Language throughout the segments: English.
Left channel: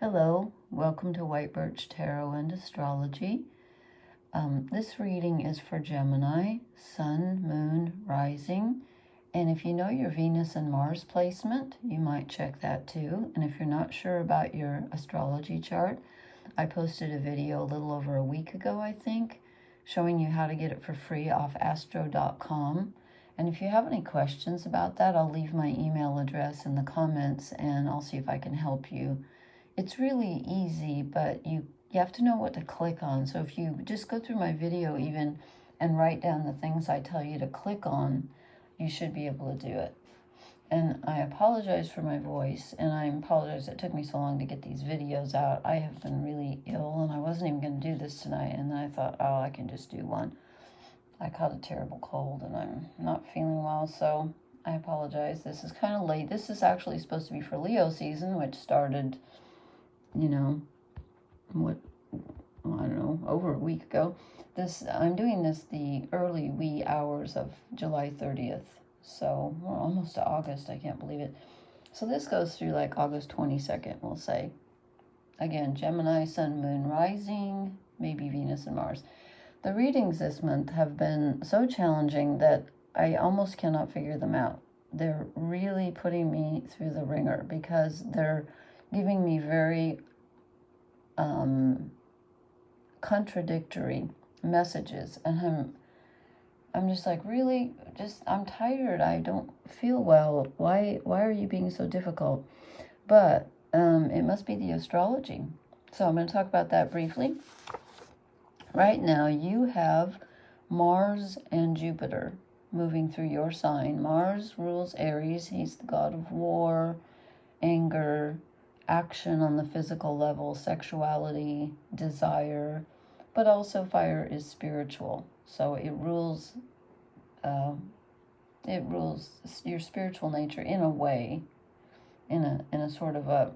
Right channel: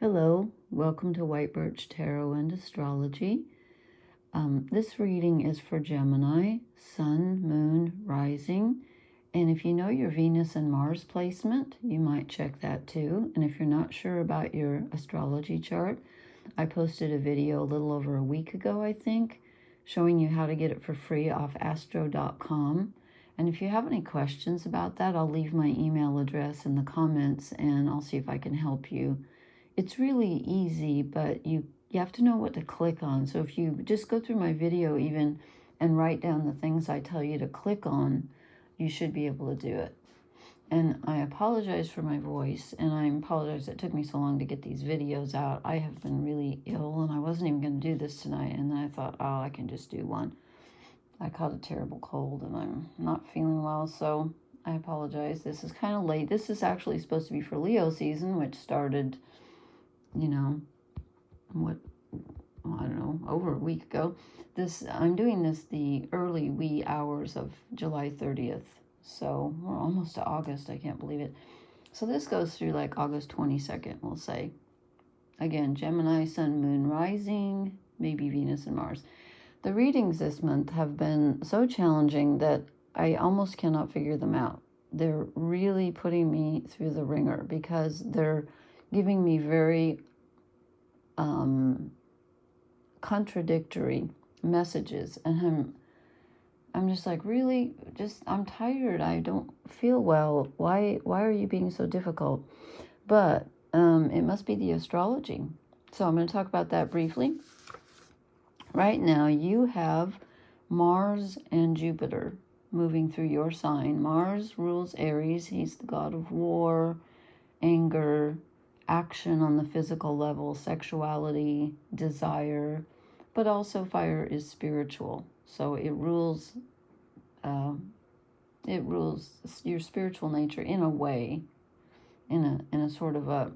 Hello, welcome to White Birch Tarot and Astrology. This reading is for Gemini, Sun, Moon, Rising. And if you know your Venus and Mars placement, you might check that too. And if you're not sure about your astrology chart, I posted a video a little over a week ago, I think, showing you how to get it for free off astro.com. And if you have any questions about that, I'll leave my email address in the comments and I'll see if I can help you. It's really easy, but you have to know what to click on. So if you just go through my video even and write down the things I tell you to click on, you should be able to do it. And I apologize for my voice, and I apologize it took me so long to get these videos out. I have been really ill, and I wasn't even going to do this tonight, and then I thought, oh, I can just do one. I caught a terrible cold, and I'm not feeling well, so I apologize. This is kind of late. This is actually supposed to be for Leo season, which started, I don't know, over a week ago. I'm doing this the early wee hours of July 30th. So we're almost to August. I can't believe it. So this goes through like August 22nd, we'll say. Again, Gemini, Sun, Moon, Rising, maybe Venus and Mars. The readings this month have been so challenging that I almost cannot figure them out. They're really putting me through the ringer because they're giving me very contradictory messages, and I'm just like, really, I'm tired, I don't feel well, why are you being so difficult? But it must be the astrology. So I'm going to talk about that briefly. Right now you have Mars and Jupiter moving through your sign. Mars rules Aries. He's the god of war, anger, action on the physical level, sexuality, desire, but also fire is spiritual. So it rules your spiritual nature in a way, in a sort of a,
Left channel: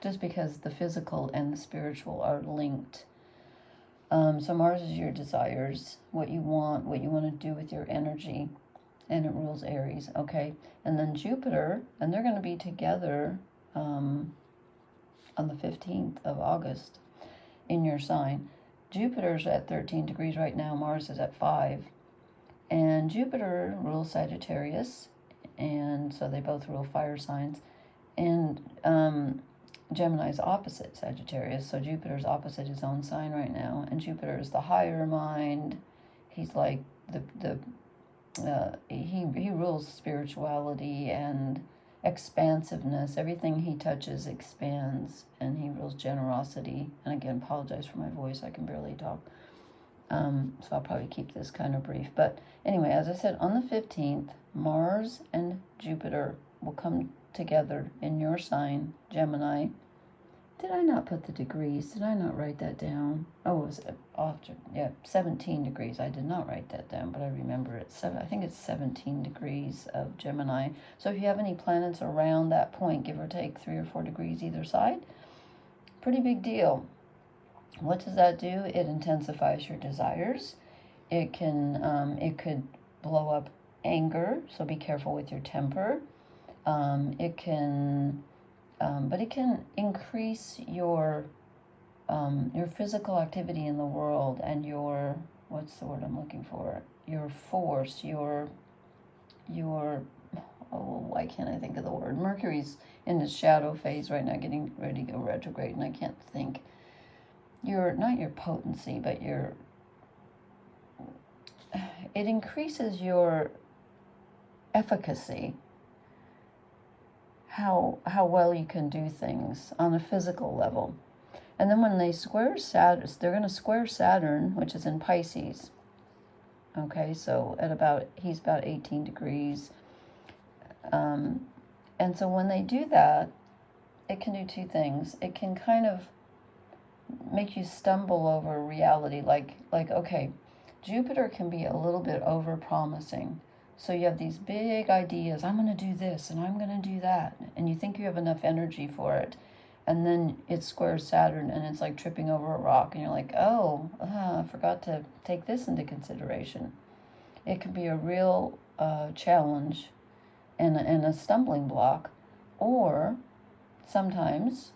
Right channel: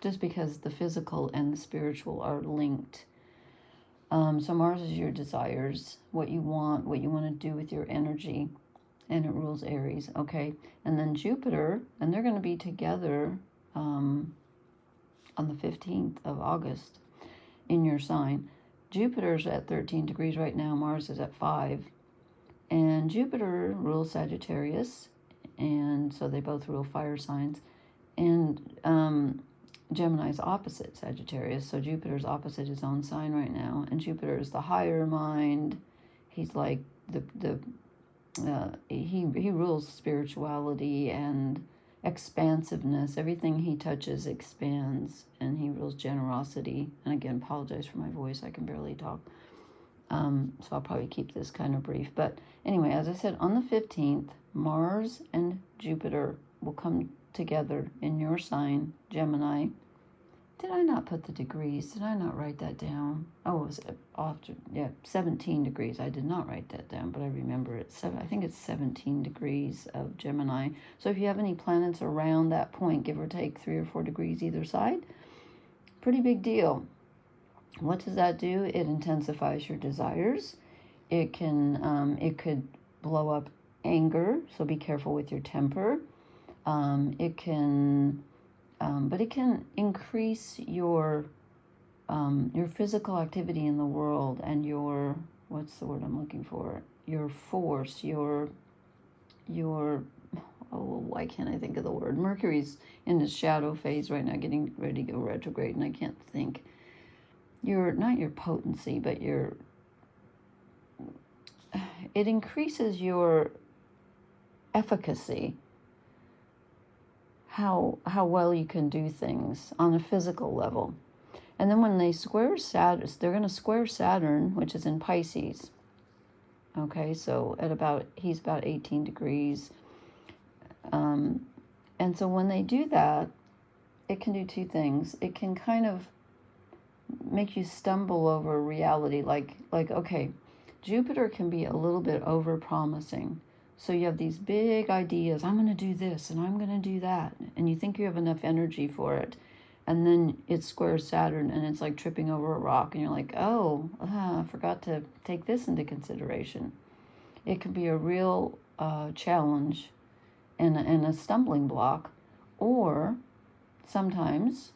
just because the physical and the spiritual are linked. So Mars is your desires, what you want to do with your energy, and it rules Aries, okay? And then Jupiter, and they're going to be together on the 15th of August in your sign. Jupiter's at 13 degrees right now. Mars is at 5. And Jupiter rules Sagittarius, and so they both rule fire signs. And Gemini's opposite Sagittarius, so Jupiter's opposite his own sign right now. And Jupiter is the higher mind. He's like he rules spirituality and expansiveness. Everything he touches expands, and he rules generosity. And again, apologize for my voice, I can barely talk, so I'll probably keep this kind of brief. But anyway, as I said, on the 15th, Mars and Jupiter will come together in your sign, Gemini. Did I not put the degrees? Did I not write that down? Oh, it was after, yeah, 17 degrees. I did not write that down, but I remember it. I think it's 17 degrees of Gemini. So if you have any planets around that point, give or take 3 or 4 degrees either side, pretty big deal. What does that do? It intensifies your desires. It could blow up anger, so be careful with your temper. It can increase your physical activity in the world and your, what's the word I'm looking for? Your force, your oh, why can't I think of the word? Mercury's in the shadow phase right now, getting ready to go retrograde, and I can't think. Not your potency, but it increases your efficacy. How well you can do things on a physical level. And then when they square Saturn, they're going to square Saturn, which is in Pisces. Okay, so he's about 18 degrees. And so when they do that, it can do two things. It can kind of make you stumble over reality. Like okay, Jupiter can be a little bit over-promising. So you have these big ideas, I'm going to do this and I'm going to do that, and you think you have enough energy for it, and then it squares Saturn and it's like tripping over a rock, and you're like, oh, I forgot to take this into consideration. It can be a real challenge and a stumbling block, or sometimes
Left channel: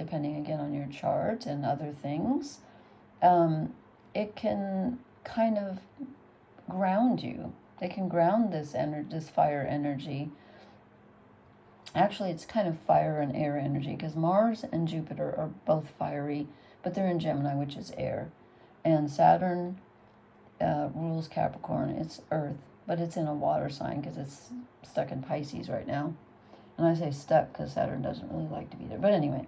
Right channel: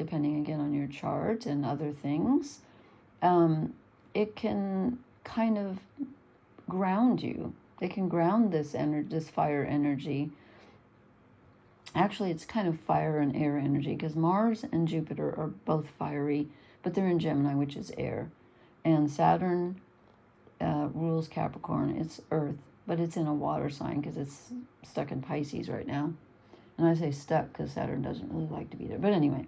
depending again on your chart and other things, it can kind of ground you. It can ground this fire energy. Actually, it's kind of fire and air energy, because Mars and Jupiter are both fiery, but they're in Gemini, which is air. And Saturn rules Capricorn. It's earth, but it's in a water sign because it's stuck in Pisces right now. And I say stuck because Saturn doesn't really like to be there. But anyway,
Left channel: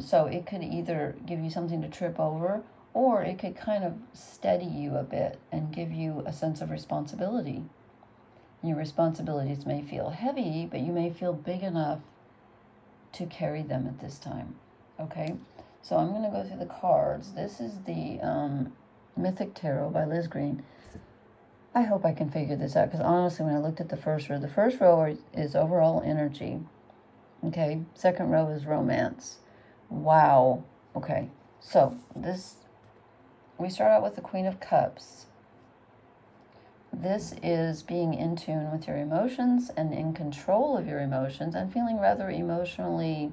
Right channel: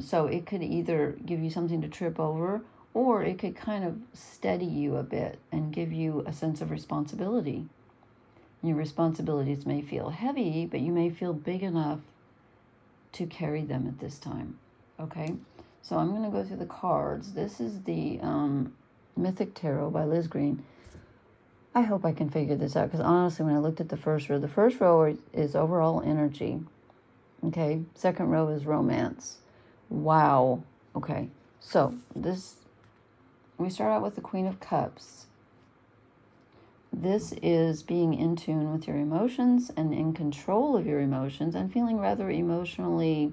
so it could either give you something to trip over, or it could kind of steady you a bit and give you a sense of responsibility. Your responsibilities may feel heavy, but you may feel big enough to carry them at this time. Okay, so I'm going to go through the cards. This is the Mythic Tarot by Liz Green. I hope I can figure this out, because honestly, when I looked at the first row is overall energy. Okay, second row is romance. Wow. Okay, so we start out with the Queen of Cups. This is being in tune with your emotions and in control of your emotions and feeling rather emotionally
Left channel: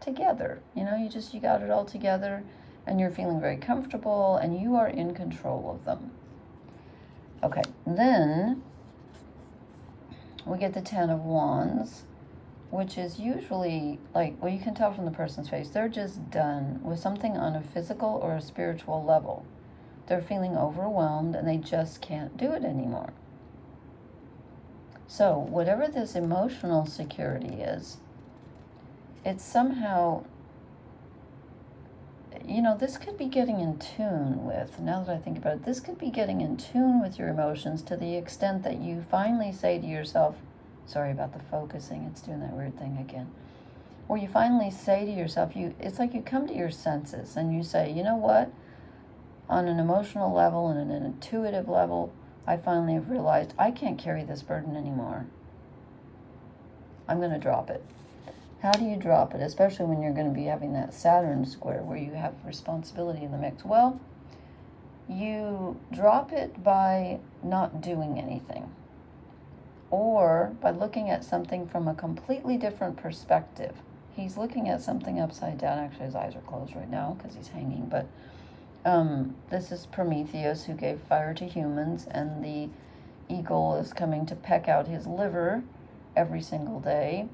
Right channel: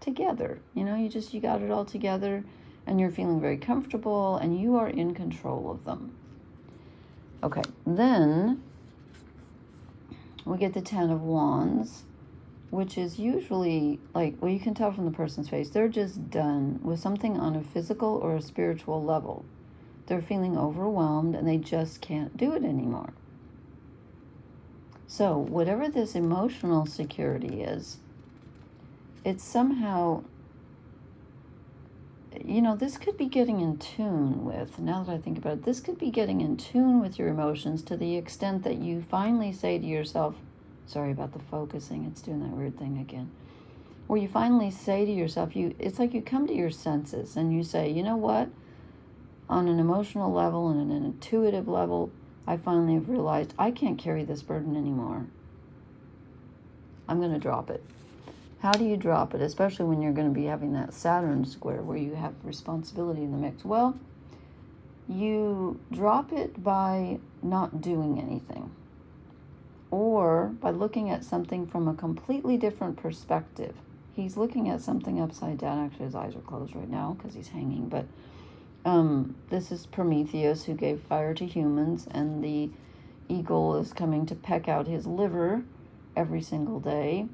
together. You know, you got it all together and you're feeling very comfortable and you are in control of them. Okay, then we get the Ten of Wands, which is usually like, well, you can tell from the person's face, they're just done with something on a physical or a spiritual level. They're feeling overwhelmed and they just can't do it anymore. So whatever this emotional security is, it's somehow, you know, this could be getting in tune with, now that I think about it, this could be getting in tune with your emotions to the extent that you finally say to yourself, sorry about the focusing, it's doing that weird thing again, where you finally say to yourself, it's like you come to your senses and you say, you know what? On an emotional level and an intuitive level, I finally have realized I can't carry this burden anymore. I'm going to drop it. How do you drop it, especially when you're going to be having that Saturn square where you have responsibility in the mix? Well, you drop it by not doing anything, or by looking at something from a completely different perspective. He's looking at something upside down. Actually, his eyes are closed right now because he's hanging, but this is Prometheus, who gave fire to humans, and the eagle is coming to peck out his liver every single day,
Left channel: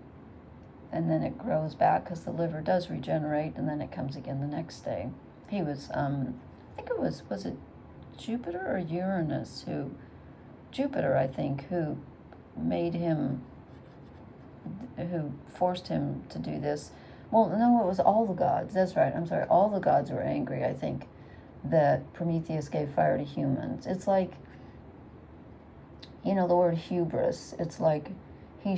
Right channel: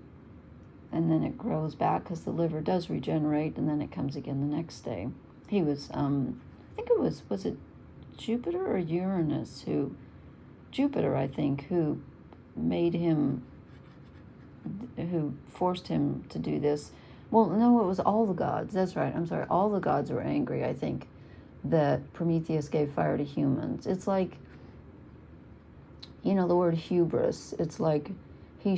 and then it grows back because the liver does regenerate, and then it comes again the next day. He was, I think it was it Jupiter or Uranus Jupiter, I think, who forced him to do this. Well, no, it was all the gods. That's right. I'm sorry. All the gods were angry, I think, that Prometheus gave fire to humans. It's like, you know, the word hubris. It's like he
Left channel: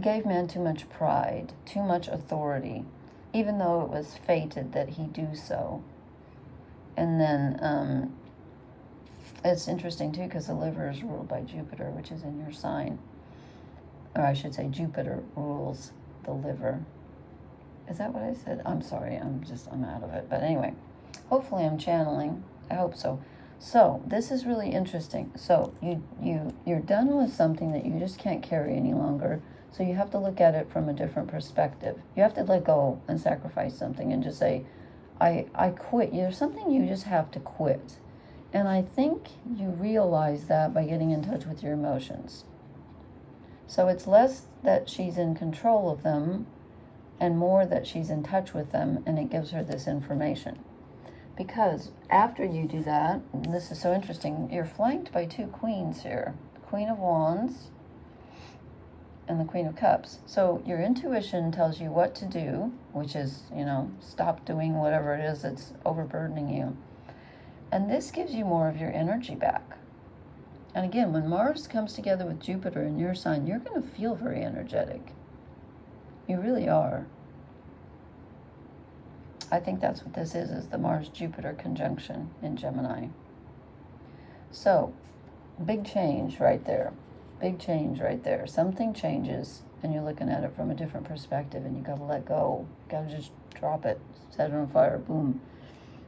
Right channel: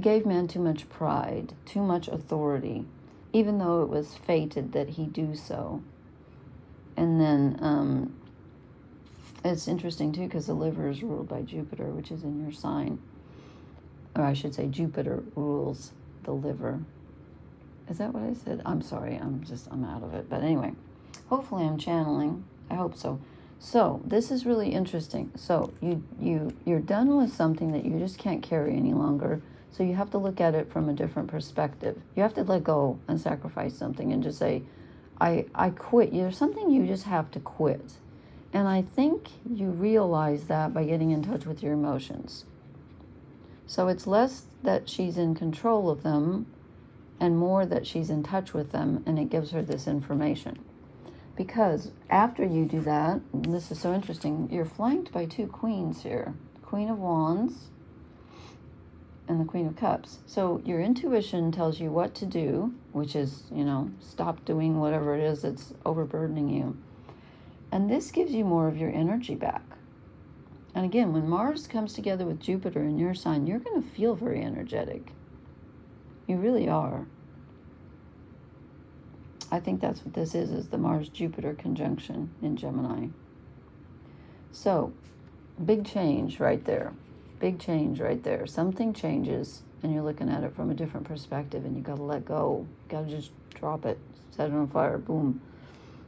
gave man too much pride, too much authority, even though it was fated that he do so. And then it's interesting too, because the liver is ruled by Jupiter, which is in your sign. Or I should say Jupiter rules the liver. Is that what I said? I'm sorry, I'm out of it. But anyway, hopefully I'm channeling. I hope so. So this is really interesting. So you're done with something that you just can't carry any longer. So you have to look at it from a different perspective. You have to let go and sacrifice something and just say, I quit. There's something you just have to quit. And I think you realize that by getting in touch with your emotions. So it's less that she's in control of them and more that she's in touch with them, and it gives her this information. Because after you do that, and this is so interesting, you're flanked by two queens here, the Queen of Wands and the Queen of Cups. So your intuition tells you what to do, which is, you know, stop doing whatever it is that's overburdening you. And this gives you more of your energy back. And again, when Mars comes together with Jupiter in your sign, you're going to feel very energetic. You really are. I think that's what this is the Mars-Jupiter conjunction in Gemini. So, big change right there. Big change right there. Something changes, and you're looking at it from a different perspective, and you got to let go. You got to just drop it. Set it on fire. Boom.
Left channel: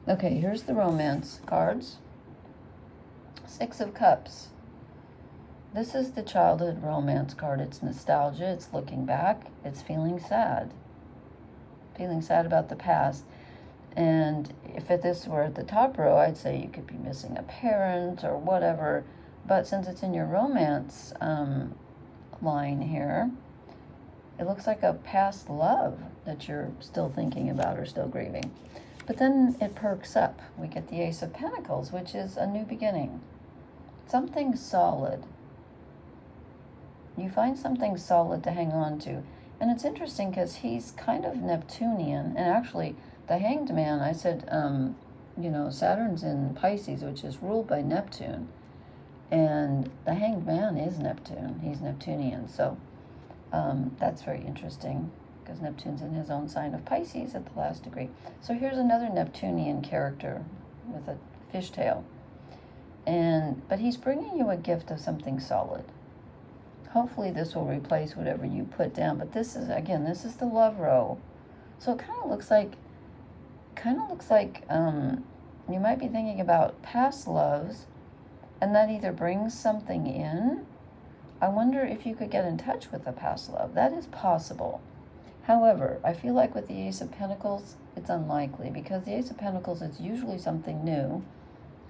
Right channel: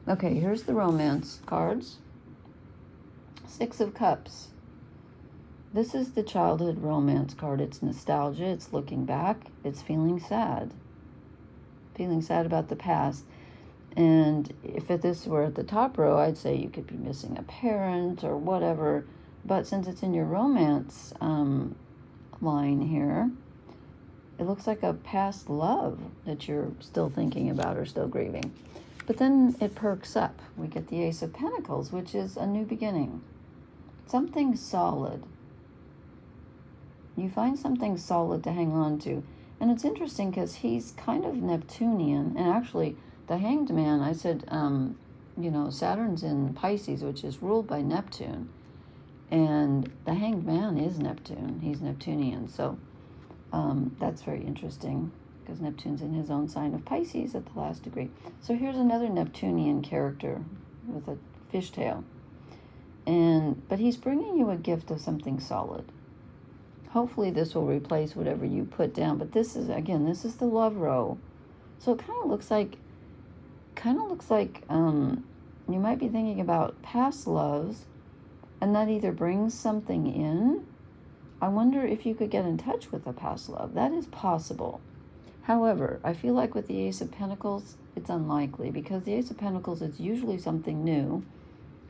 Okay, here's the romance cards. Six of Cups. This is the childhood romance card. It's nostalgia. It's looking back. It's feeling sad. feeling sad about the past. And if this were at the top row, I'd say you could be missing a parent or whatever. But since it's in your romance line here, it looks like a past love that you're still thinking about or still grieving. But then it perks up. We get the Ace of Pentacles, which is a new beginning. Something solid. You find something solid to hang on to. And it's interesting because he's kind of Neptunian. And actually, the Hanged Man, I said, you know, Saturn's in Pisces, which is ruled by Neptune. And the Hanged Man is Neptune. He's Neptunian. So that's very interesting because Neptune's in his own sign of Pisces at the last degree. So here's another Neptunian character with a fishtail. But he's bringing you a gift of something solid. Hopefully this will replace whatever you put down. But this is, again, this is the love row. So it kind of looks like you might be thinking about past loves, and that either brings something in. I wonder if you could get in touch with a past love. That is possible. However, I feel like with the Ace of Pentacles, it's unlikely, because the Ace of Pentacles is usually something new,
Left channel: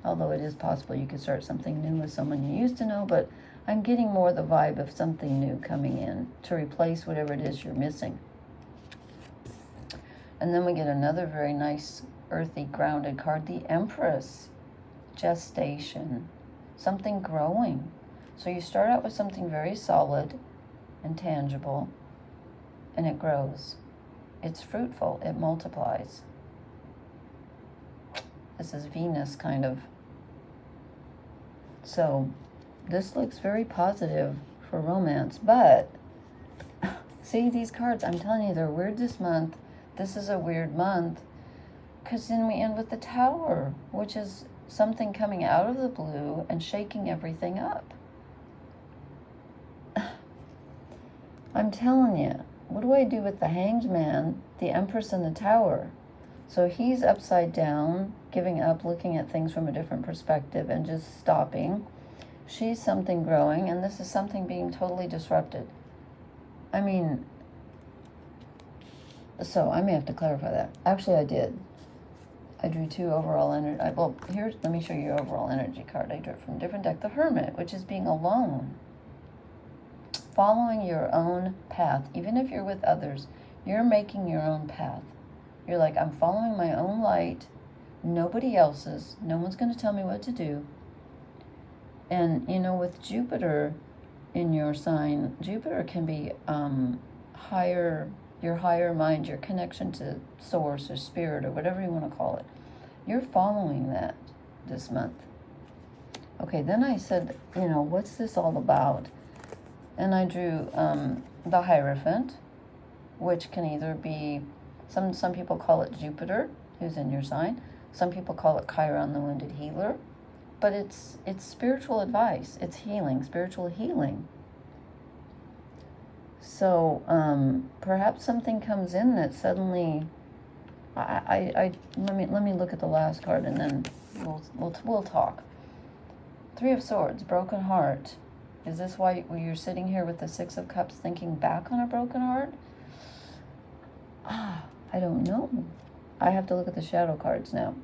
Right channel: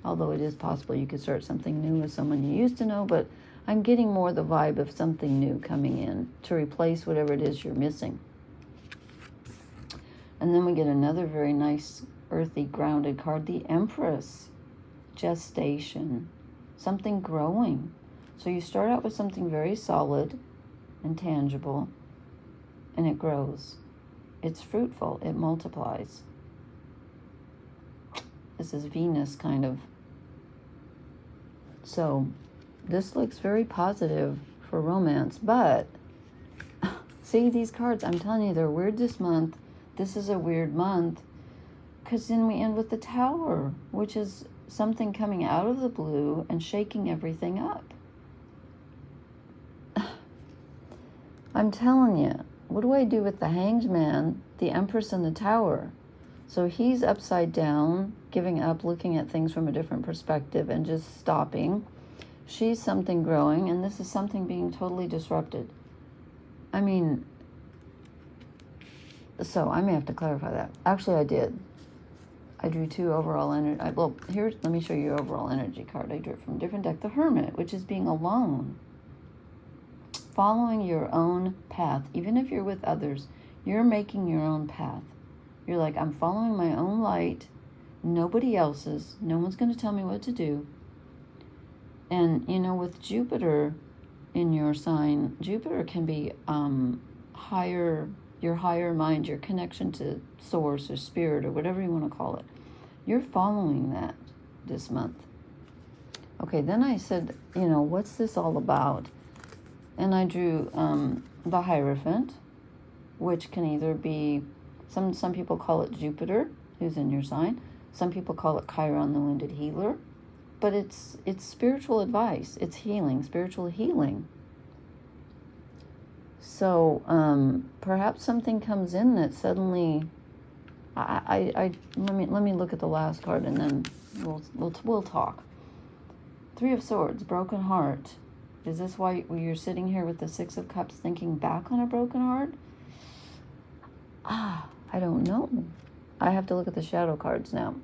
although it is possible you could start something new with someone you used to know, but I'm getting more the vibe of something new coming in to replace whatever it is you're missing. And then we get another very nice, earthy, grounded card, the Empress. Gestation. Something growing. So you start out with something very solid and tangible, and it grows. It's fruitful. It multiplies. This is Venus, kind of. So this looks very positive for romance, but see these cards, I'm telling you, they're weird this month. This is a weird month because then we end with the Tower, which is something coming out of the blue and shaking everything up. I'm telling you, what do I do with the Hanged Man, the Empress, and the Tower? So he's upside down, giving up, looking at things from a different perspective and just stopping. She's something growing, and this is something being totally disrupted. I mean, so I may have to clarify that. Actually, I did. I drew two overall energy. Well, here's, let me show you your overall energy card. I drew it from a different deck. The Hermit, which is being alone. Following your own path. Even if you're with others, you're making your own path. You're like, I'm following my own light. Nobody else's. No one's going to tell me what to do. And, you know, with Jupiter in your sign, Jupiter can be higher, your higher mind, your connection to source or spirit or whatever you want to call it. You're following that this month. Okay, then I said, you know, what's this all about? And I drew the Hierophant, which can either be, some people call it Jupiter, who's in your sign. Some people call it Chiron, the Wounded Healer. But it's spiritual advice. It's healing, spiritual healing. So perhaps something comes in that suddenly, let me look at the last card and then we'll talk. Three of Swords, broken heart. Is this why you're sitting here with the Six of Cups thinking back on a broken heart? I don't know. I have to look at the shadow cards now.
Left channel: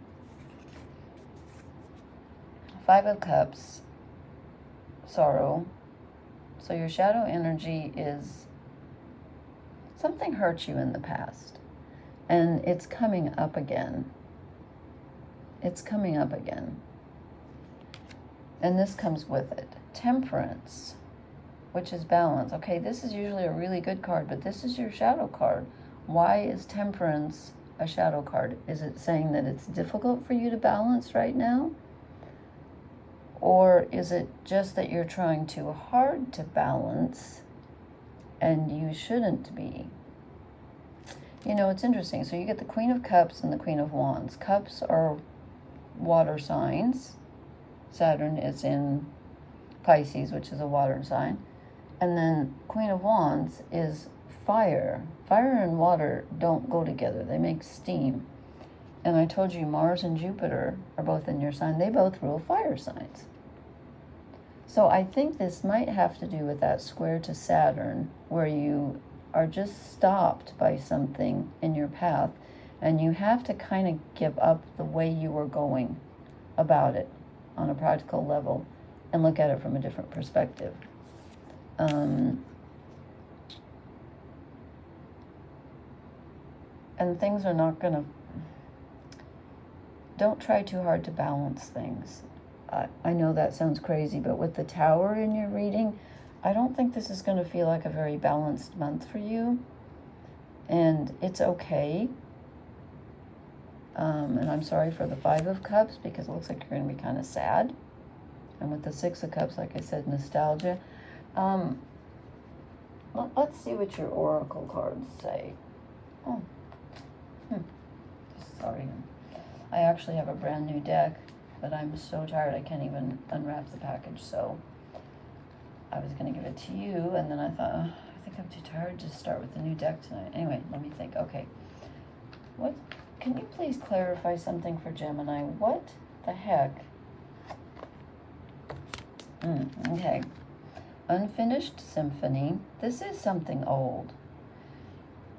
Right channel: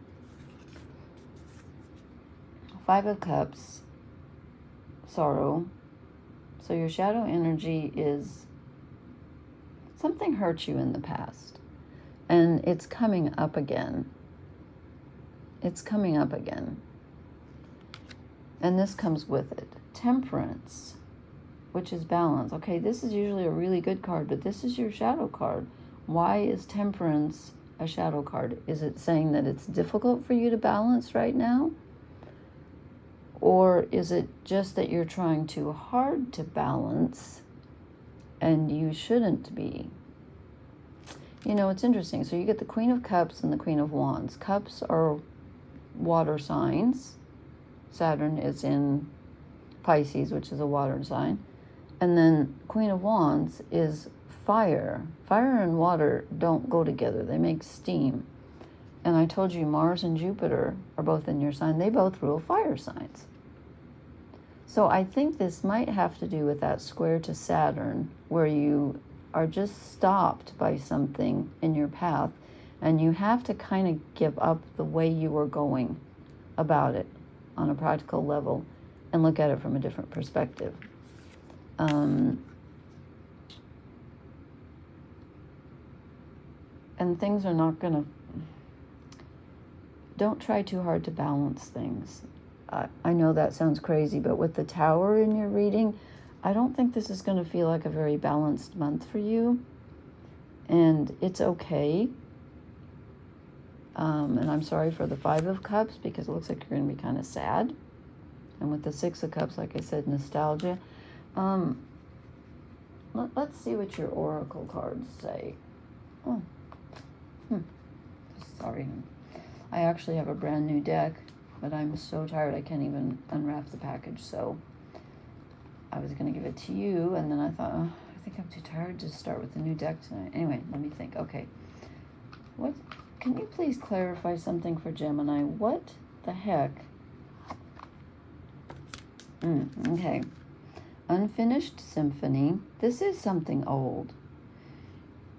Five of Cups, sorrow. So your shadow energy is something hurt you in the past, and it's coming up again. It's coming up again. And this comes with it. Temperance, which is balance. Okay, this is usually a really good card, but this is your shadow card. Why is Temperance a shadow card? Is it saying that it's difficult for you to balance right now? Or is it just that you're trying too hard to balance and you shouldn't be? You know, it's interesting. So you get the Queen of Cups and the Queen of Wands. Cups are water signs. Saturn is in Pisces, which is a water sign. And then Queen of Wands is fire. Fire and water don't go together. They make steam. And I told you Mars and Jupiter are both in your sign. They both rule fire signs. So I think this might have to do with that square to Saturn, where you are just stopped by something in your path, and you have to kind of give up the way you were going about it on a practical level and look at it from a different perspective. And things are not going to... Don't try too hard to balance things. I know that sounds crazy, but with the Tower in your reading, I don't think this is going to feel like a very balanced month for you. And it's okay. And I'm sorry for the Five of Cups, because it looks like you're going to be kind of sad. And with the Six of Cups, like I said, nostalgia. Let's see what your oracle cards say. Oh. Sorry. I actually have a brand new deck, but I'm so tired I can't even unwrap the package, so I was going to give it to you, and then I thought, oh, I think I'm too tired to start with the new deck tonight. Anyway, let me think. Okay. Can you please clarify something for Gemini? What the heck? Okay. Unfinished symphony. This is something old.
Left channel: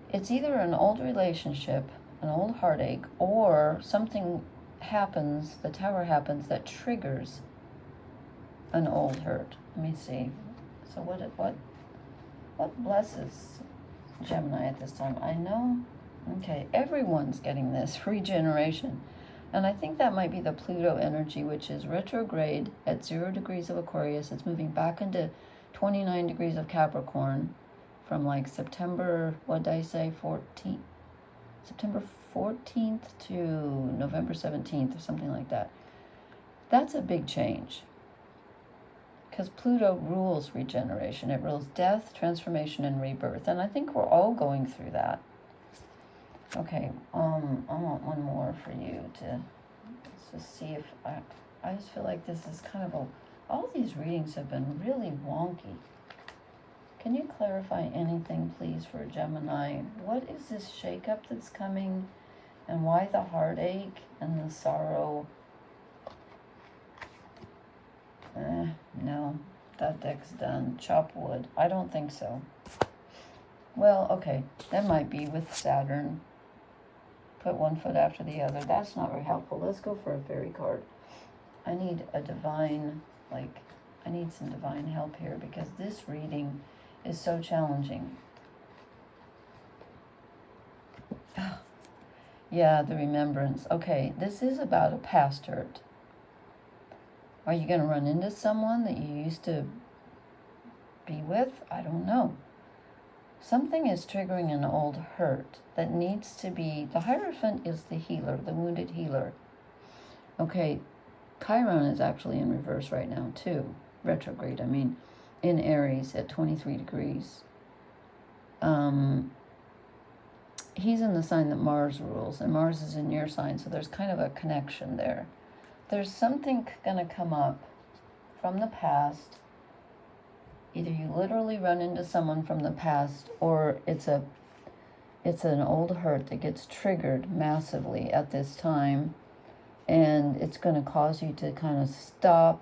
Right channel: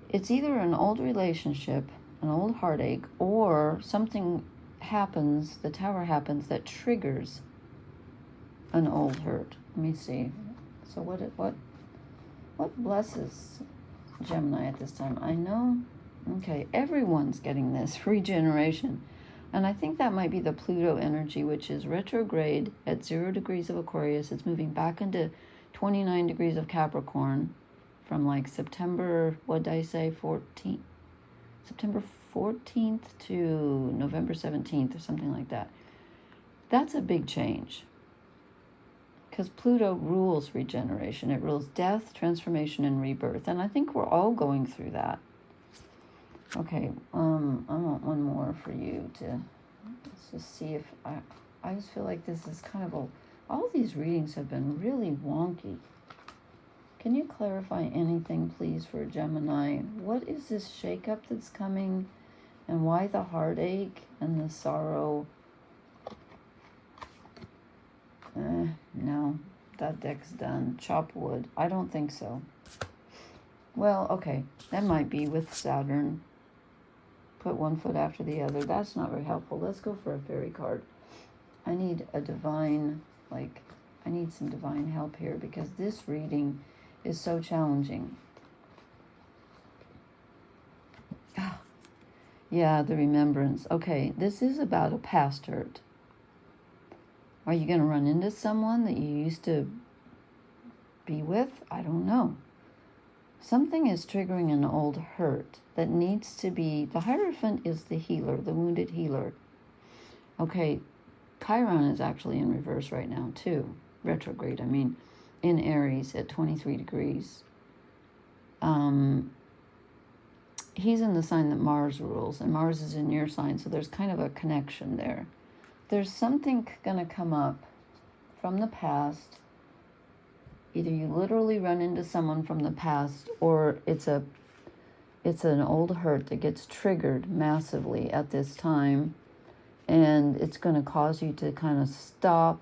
It's either an old relationship, an old heartache, or something happens, the Tower happens, that triggers an old hurt. Let me see. So what blesses Gemini at this time? I know, okay, everyone's getting this regeneration. And I think that might be the Pluto energy, which is retrograde at 0 degrees of Aquarius. It's moving back into 29 degrees of Capricorn from like September, what did I say, 14th? September 14th to November 17th or something like that. That's a big change, because Pluto rules regeneration. It rules death, transformation, and rebirth. And I think we're all going through that. Okay, I want one more for you to, let's just see if, I just feel like this is kind of all these readings have been really wonky. Can you clarify anything, please, for Gemini? What is this shakeup that's coming, and why the heartache and the sorrow? No, that deck's done. Chop wood. I don't think so. Well, okay, that might be with Saturn. Put one foot after the other. That's not very helpful. Let's go for a fairy card. I need a divine, I need some divine help here, because this reading is so challenging. Yeah, the remembrance. Okay, this is about a past hurt. Are you going to run into someone that you used to be with? I don't know. Something is triggering an old hurt that needs to be... The Hierophant is the healer, the wounded healer. Okay, Chiron is actually in reverse right now too. Retrograde, I mean, in Aries at 23 degrees. He's in the sign that Mars rules, and Mars is in your sign, so there's kind of a connection there. There's something going to come up from the past. Either you literally run into someone from the past, or it's an old hurt that gets triggered massively at this time, and it's going to cause you to kind of stop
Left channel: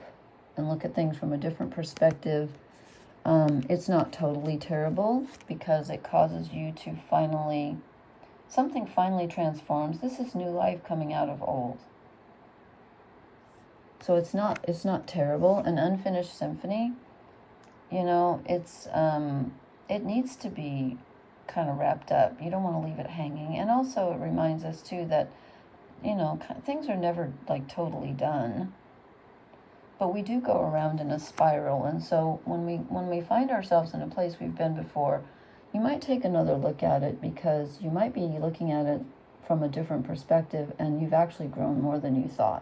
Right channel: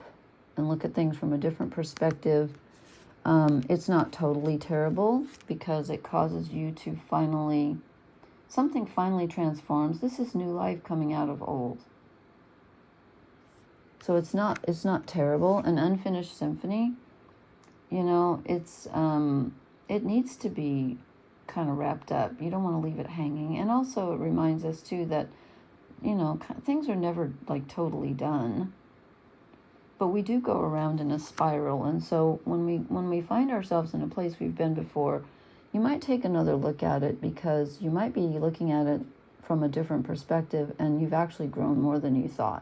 and look at things from a different perspective. It's not totally terrible, because it causes you to something finally transforms. This is new life coming out of old. So it's not terrible. An unfinished symphony, you know, it needs to be kind of wrapped up. You don't want to leave it hanging. And also it reminds us too that, you know, things are never like totally done, but we do go around in a spiral. And so when we find ourselves in a place we've been before, you might take another look at it, because you might be looking at it from a different perspective, and you've actually grown more than you thought.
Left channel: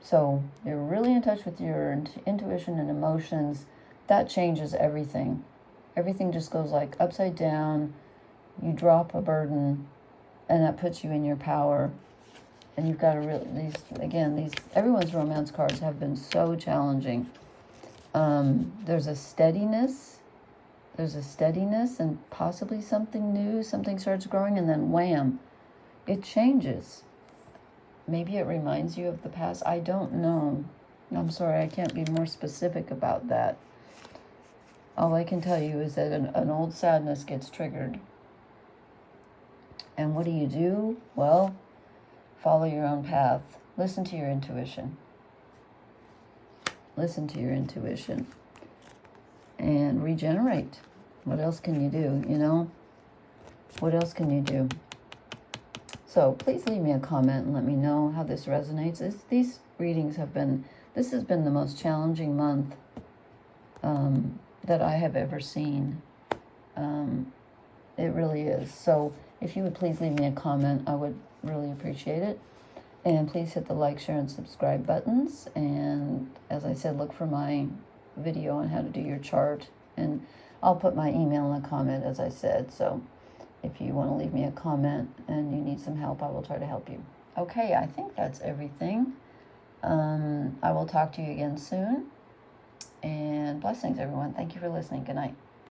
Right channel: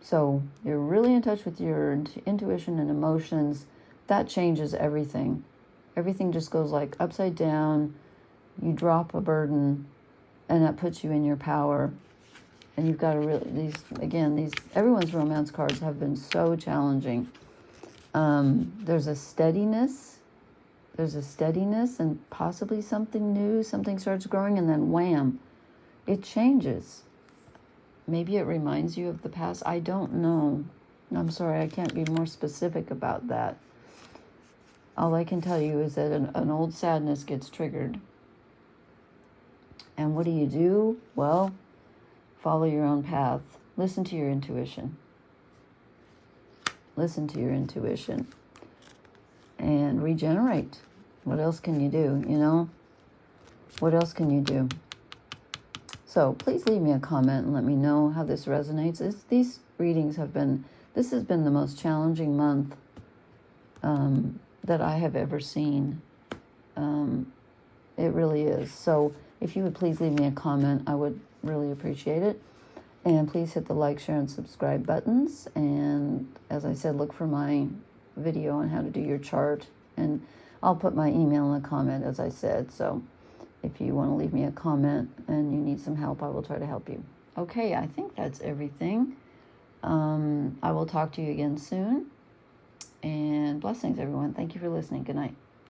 So you're really in touch with your intuition and emotions. That changes everything. Everything just goes like upside down. You drop a burden, and that puts you in your power. And you've got to really, everyone's romance cards have been so challenging. There's a steadiness. And possibly something new. Something starts growing, and then wham, it changes. Maybe it reminds you of the past. I don't know. I'm sorry, I can't be more specific about that. All I can tell you is that an old sadness gets triggered. And what do? Well, follow your own path. Listen to your intuition. Listen to your intuition. And regenerate. What else can you do, you know? What else can you do? So please leave me a comment and let me know how this resonates. These readings have been, this has been the most challenging month that I have ever seen. It really is. So if you would please leave me a comment, I would really appreciate it. And please hit the like, share, and subscribe buttons. And as I said, look for my video on how to do your chart. And I'll put my email in a comment, as I said. So if you want to leave me a comment and you need some help, I will try to help you. Okay, I think that's everything. I will talk to you again soon. And blessings, everyone. Thank you for listening. Good night.